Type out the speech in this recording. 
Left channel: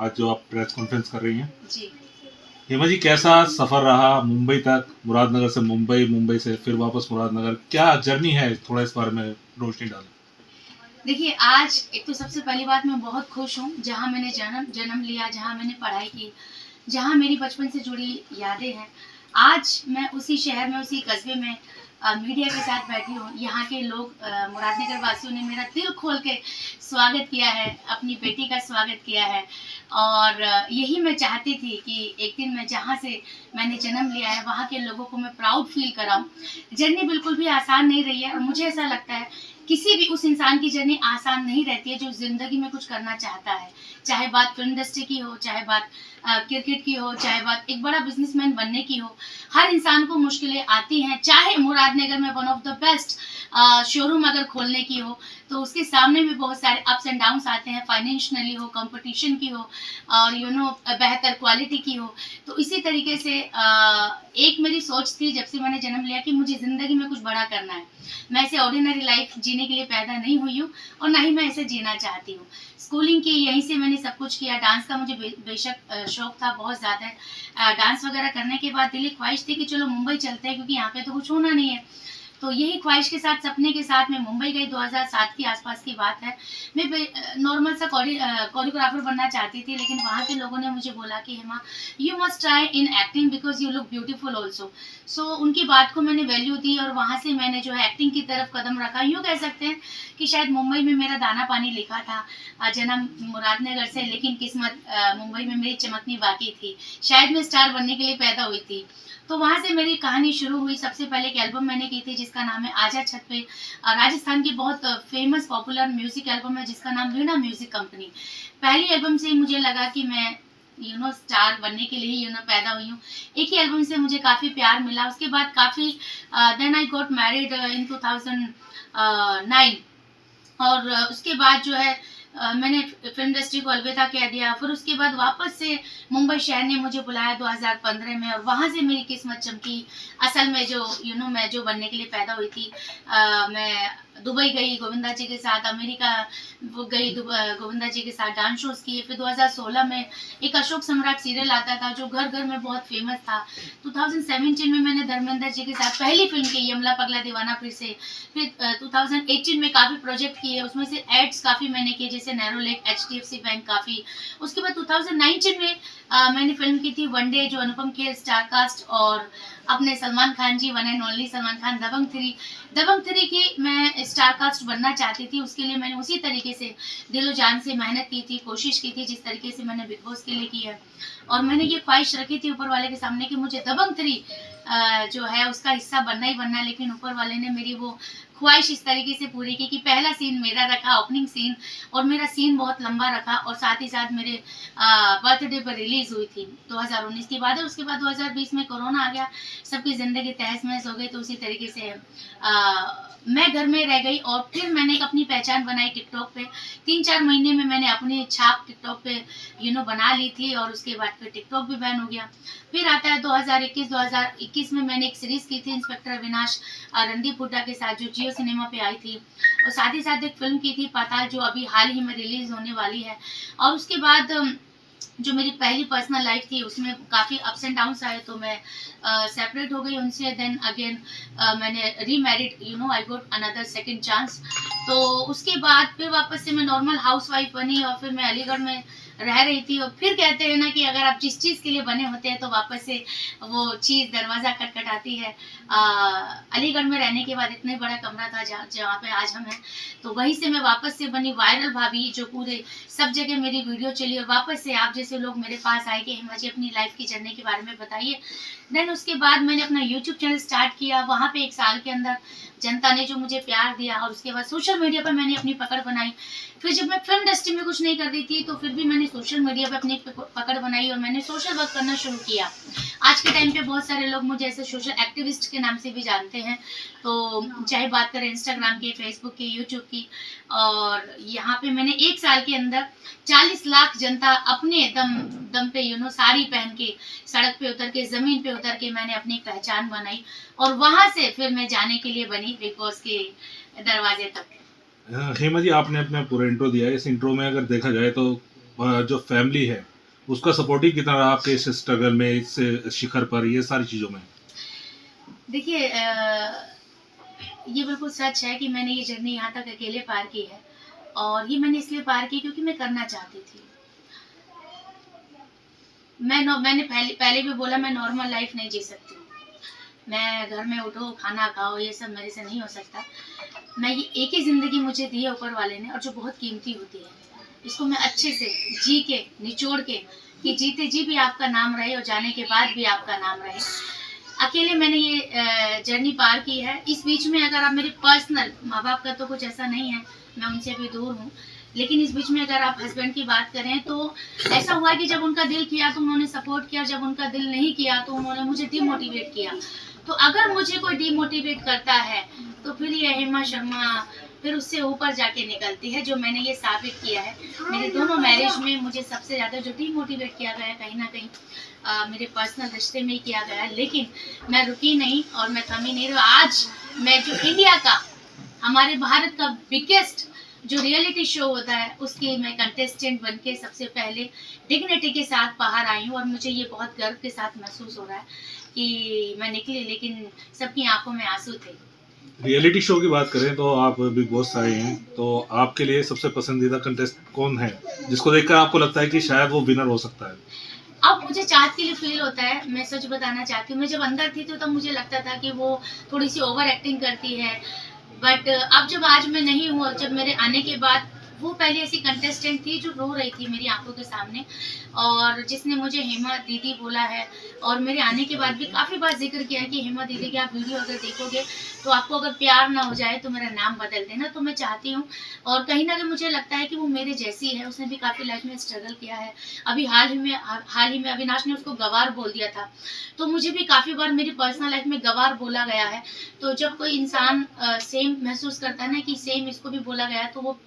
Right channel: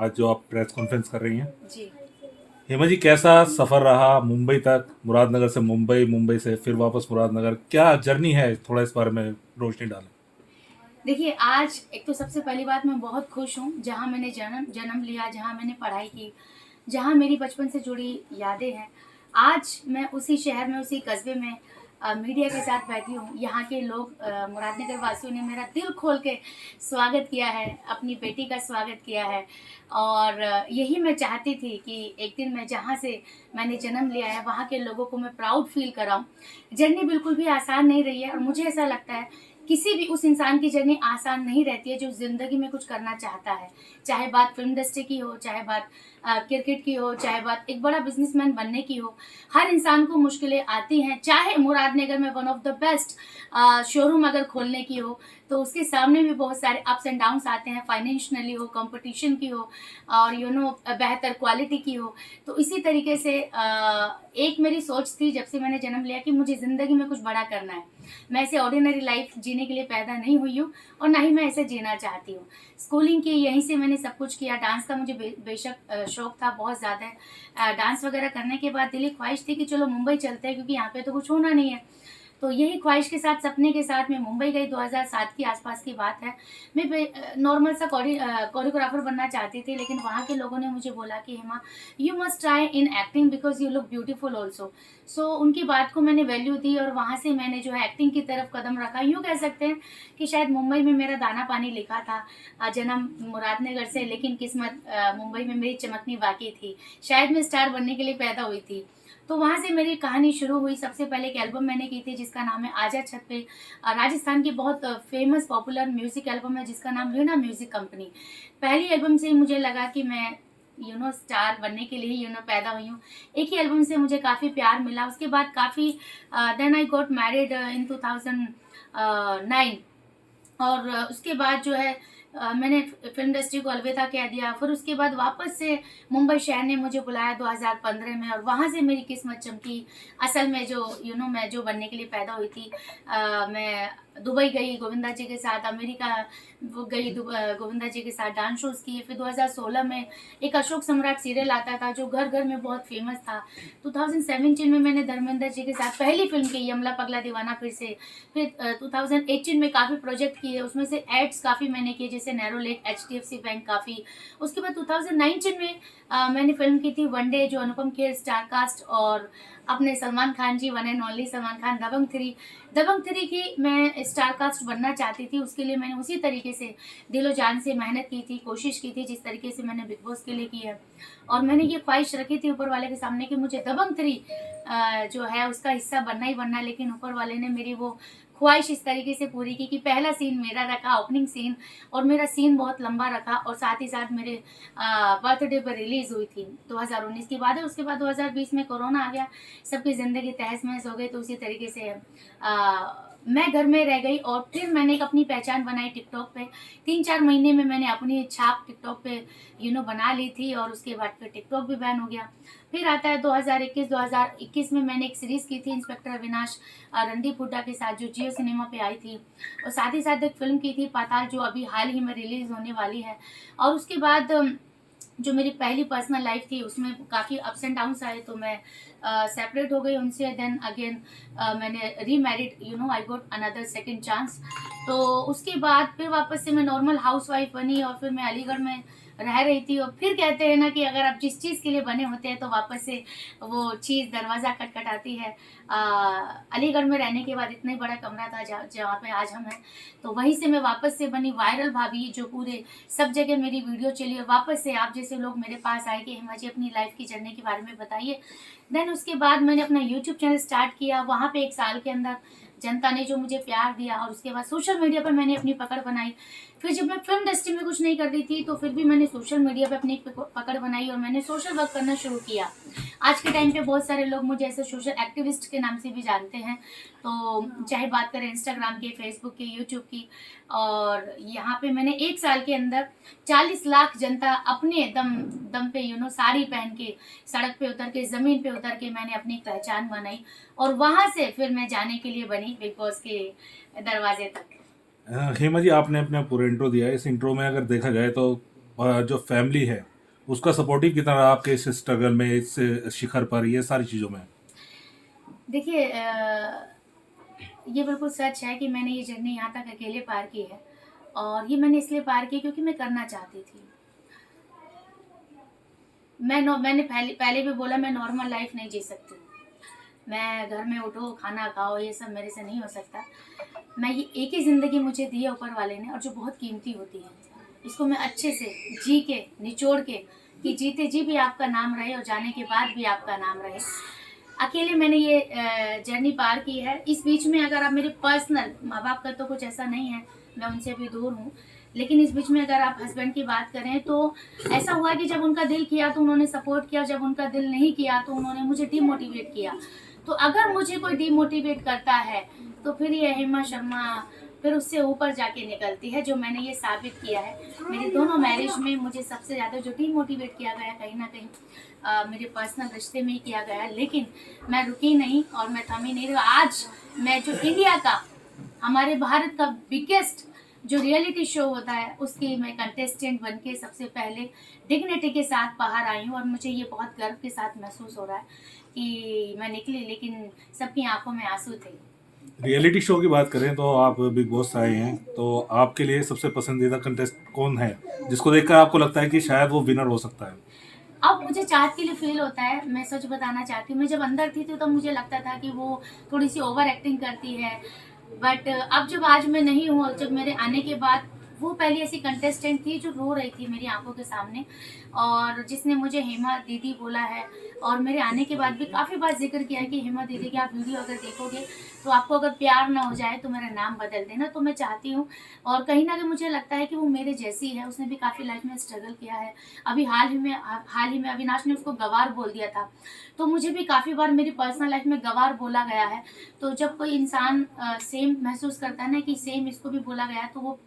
आज जो आप प्रेस कॉन्फ्रेंस कर रही हैं। जी। हेमा जी, कैसा सफ़र रहा मुंबई तक, मुरादनगर से मुंबई, मुंबई से फिर वापस मुरादनगर, क्या जर्नी है, थोड़ा इस बारे में रोशनी डालें। देखिए, आज एक तो सबसे पहली बात मैं बहुत खुश हूँ, जहाँ मैंने जन्म जन्म लिया, जहाँ मैंने पढ़ाई की, जहाँ मेरी बचपन से जुड़ी यादें हैं। आज मैं उसी शहर में, उसी कस्बे में मीडिया के साथ बैठी हूँ। यहाँ के लोग मुरादनगर वासियों ने मेरा दिल खोल के स्वागत किया है, अपनी बेटी का स्वागत किया है। और यही मैं चाहती थी कि एक दिन मैं जहाँ से मैंने जन्म लिया है, वहाँ के लोगों को मैं प्राउड फ़ील कराऊँ। जर्नी बिल्कुल भी आसान नहीं रही है और मुझे ऐसा लगता है किसी भी उस इंसान की जर्नी आसान नहीं रहती है जो ज़िंदगी में कुछ करना चाहता है। चाहे बात फ़िल्म इंडस्ट्री की हो, चाहे बात क्रिकेट की हो, चाहे बात एक बड़ा बिज़नेसमैन बनने की हो। हर इंसान को मुश्किलें आती हैं, चाहे मुरादनगर में one of the best showroom अगर खोलने की हो, तो उसके सामने भी बहुत सारे अप्स एंड डाउन्स आते हैं, फाइनेंशियली हो, कंपटीशन की हो और बेहतर क्वालिटी की हो। तो इसी तरीके से एक मेरी सोच थी जब से मैंने जन्म लिया कि मुझे ज़िंदगी में कुछ बड़ा करना है। मैं ऐसे ऑर्डिनरी लाइफ़ जीने के लिए पैदा नहीं हुई हूँ और ना ही मैं ऐसे जीना चाहती हूँ। स्कूलिंग की यहीं से मैंने सब कुछ किया, डांस का मुझे बेशक शौक था बहुत ज़्यादा। डांस वगैरह करने के बाद दिली ख्वाहिश थी कि चलो मुंबई चलते हैं क्योंकि यहाँ पे तो कुछ होना नहीं है। तो यही ख्वाहिश के साथ, सपने के साथ मैं मुंबई गई। 2007 के आसपास की बात है। मैं नॉर्मल सा कोरियोग्राफर बनना चाहती थी, लेकिन वहाँ के लोगों ने मुझे बोला कि Hema, you must try in acting because you look beautiful also. So उनकी बात को मैंने वैल्यू दी और वहाँ से मैंने जो है एक्टिंग की तरफ कदम रखा। यूँ कह सकते हैं कि शायद मुंबई में मेरा दाना पानी लिखा था। जन्म मुरादनगर से, लेकिन किस्मत मुंबई में मेरी चमकनी बाकी थी। शायद मैं स्टार बनने के लिए पैदा हुई थी। तो वहाँ से मेरी कहानी शुरू हुई। सबसे पहले एक एल्बम मैंने की थी जिसका नाम है आजा छत पे। राजस्थान की बहुत फेमस पॉपुलर म्यूज़िक एल्बम है जिसका नाम वीणा म्यूज़िक कंपनी। पहली एल्बम से ही मुझे लगा कि मैं स्टार बनने के लिए पैदा हुई हूँ। एक ही एल्बम से मुझे काफ़ी प्यार मिला। उसके बाद काफ़ी then I got married in 2009। और उसके बाद जो है मैंने फ़िल्म इंडस्ट्री को अलविदा कह दिया। फिर उसके बाद वापस से मुंबई शहर ने मुझे बुलाया 2015 में और वहाँ से मेरी किस्मत चमकी। असल में जो मैं जो बनने के लिए पैदा हुई थी, मैं दुबई गई गोविंदा जी के साथ, अमेरिका वो गई गोविंदा जी के साथ डांस शोज़ किए। फिर 2016 में एक अशोक सम्राट सीरियल आता था जो घर-घर में बहुत फ़ेमस था। 2017 में मैंने धर्मेंद्र जी के साथ पहली फ़िल्म की यमला पगला दीवाना फिर से। फिर 2018 में काफ़ी प्रोजेक्ट किए, उसमें से एड्स काफ़ी मैंने किए जैसे नैरो लेक, एचडीएफसी बैंक काफ़ी। उसके बाद 2019 में मैंने फ़िल्म की थी वनडे जो अनुपम खेर स्टार कास्ट और अपने Salman Khan ji, one and only Salman Khan, Dabangg 3। Dabangg 3 की मैं स्टार कास्ट बनना चाहती थी, उसके लिए मैंने उसी तरीके से दिलो जान से मेहनत की थी, कोशिश की थी जिस तरीके से मैंने बिग बॉस के लिए की है। और मैंने ये ख्वाहिश रखी थी ऊपर वाले के सामने कि मुझे दबंग 3 जो है उसका हिस्सा बनना ही बनना है, लेकिन ऊपर वाले ने मेरी वो ख्वाहिश इस तरीके से पूरी की कि पहला सीन मेरा रखा, ओपनिंग सीन, और मेरा सीन बहुत लंबा रखा और साथ ही साथ मेरे बर्थडे पर रिलीज़ हुई थी। 2019 की बात है। उसके बाद 2020 में कोरोना आ गया, सबकी ज़िंदगी तहस-नहस हो गई। तो उसी तरीके से मैं घर में रह गई और फिर मैंने एक अपनी पहचान बनाई टिकटॉक पे। 3-4 महीने में मैंने अपनी छाप टिकटॉक पे बना ली थी और उसके बाद फिर टिकटॉक भी बैन हो गया। फिर आता है 2021 में मैंने एक सीरीज़ की थी इंस्पेक्टर अविनाश रणदीप हुड्डा के साथ जो जियो सिनेमा पे आई थी, और साथ ही साथ एक फ़िल्म की थी पाताल जो अभी हाल ही में रिलीज़ होने वाली है। और उसके बाद जो मेरी पहली पर्सनल लाइफ थी उसमें काफ़ी अप्स एंड डाउन्स आए, तो मैं सेपरेट हो गई उनसे। देन अगेन मैंने remarried, I got another second chance. तो उसके बाद फिर वापस से मैं नॉर्मल हाउसवाइफ बनी और फिर मैं अलीगढ़ में रह रही थी। और फिर कहते हैं ना कि अगर आप जिस चीज़ के लिए बने होते हैं तो वापस से वो चीज़ दरवाज़ा खटखटाती है। अलीगढ़ में रहने के बाद इतना बड़ा कमरा था जहाँ पे आज हम हैं, तो वहीं से मैं वापस से बनी वायरल भाभी जो पूरे सब जगह मेरी वीडियो चली और वापस से आप जैसे लोग मेरे पास आए कि हेमा जी अपनी लाइफ की जर्नी के बारे में बताइए। देन उसके बाद मैंने अपना यूट्यूब चैनल स्टार्ट किया। वहाँ पे 1 साल के अंदर जनता ने जो मुझे प्यार दिया और उसके बाद सोशल मीडिया पर मैंने अपनी पकड़ बनाई। फिर जब मैं फ़िल्म इंडस्ट्री में कुछ नहीं कर रही थी तो फिर भी मैंने सोशल मीडिया पे अपनी पकड़ बनाई और मैंने सोशल वर्क करना शुरू किया। आज के टाइम पे बहुत सारे लोग मुझे ऐसे सोशल एक्टिविस्ट के नाम से भी जानते हैं। तो चाहे बात करें इंस्टाग्राम की, फेसबुक की, यूट्यूब की, और यहाँ पे मैंने 1 साल के अंदर 40 लाख जनता अपने दम दम पे साड़ी पहन के सड़क पे उतर के ज़मीन पे उतर के मैंने अपनी एक पहचान बनाई और वहाँ से फिर मैं जाने के लिए बनी बिग बॉस के दरवाजे तक। हेमा जी, आपने अपना पूरा इंट्रो दिया है। इस इंट्रो में अगर देखा जाए तो जो फैमिली है उसका सपोर्टिव कितना रहा आपके इस स्ट्रगल में, इस शिखर पर, ये सारी चीज़ों में? देखिए ये बिल्कुल सच है कि मैंने ये जर्नी यहाँ तक अकेले पार की है, और ये मैंने इसलिए पार की क्योंकि मैं करना चाहती थी। मैंने पहले पहले भी बोला, मैं नॉर्मल लाइफ नहीं जी सकती हूँ। मैं घर में उठो, खाना खाओ, ये सब मेरे से नहीं हो सकता। मैं ये एक ही ज़िंदगी मुझे दी है ऊपर वाले ने, और जो बहुत कीमती होती है। इसको मैं अच्छे से जी के, निचोड़ के, कि जीते जी भी आपका नाम रहे और जाने के बाद भी आपका नाम रहे। अकेले मैंने ये जर्नी पार की है। इस बीच में अगर आप मेरे पर्सनल माँ-बाप का तो कुछ ऐसा नहीं है, मैं उनसे भी दूर हूँ। लेकिन इस बीच में अगर आप हस्बैंड की बात करें तो ऐसा हुआ कि जब उनका दिल किया तो उन्होंने सपोर्ट किया, और जब उनका दिल नहीं किया तो उन्होंने मुझे डिमोटिवेट किया। तो अगर मुझे कोई डिमोटिवेट करता है तो फिर ये हेमा शर्मा फिर उससे ऊपर जाके निकलती है, जो मैंने ये साबित किया है। मेरे दोनों मैरिज में मुझे सबसे ज़्यादा जो डिमोटिवेट किया गया है, कहीं न कहीं मेरे पर्सनल रिश्ते में ही किया गया है। लेकिन मैं रुकी नहीं और मैं थमी नहीं। आज मैं जो इंडिया का, हमारे भारत का बिगेस्ट जो रियलिटी शो होता है, उसकी मैं कंटेस्टेंट बन के सबसे पहले डिग्निटी के साथ बाहर आई हूँ, और मुझे ये बहुत गर्व के साथ महसूस हो रहा है कि मैं निकली, लेकिन सबकी आंखों में आंसू थे। रियलिटी शो की बात करें तो आप बिग बॉस से आए हैं, तो आपके लिए सबसे पसंदीदा कंटेस्टेंट कौन है जिसको देखकर आपको लगता है कि शायद वो विनर हो सकता है? अब मुझे चाहत के लिए फ़ील होता है, मैं सच बताना चाहती हूँ। मैं जब अंदर थी तो तब मुझे लगता था कि वो थोड़ी-सी ओवर एक्टिंग करती है। बट अब जब आज मैं नहीं हूँ, और जब मेरे आने के बाद, वो पहले ऐसी कंटेस्टेंट थी जो रो रही थी मेरी आँखों के सामने, और जिसने मुझे हेमा दीदी बोला है, और मेरे आने के बाद भी काफ़ी बार ज़िक्र किया है कि हेमा दीदी की आप वीडियो अगर देखोगे तो आपको अगर प्यार ना हो जाए तो मेरा नाम बदल देना। तो मैं चाहती हूँ, और कहीं न कहीं मुझे लगता है कि वो मेरे जैसी है, उसने भी काफ़ी लाइफ़ में स्ट्रगल किया है। अभी हाल ही में अविनाश ने उसको गँवार बोल दिया था। तो मुझे भी काफ़ी बार मेरी पर्सनल लाइफ़ में गँवार बोला गया है। तो जब कोई इंसान सेम महसूस करता है ना कि सेम इसको भी बोला गया है, तो वो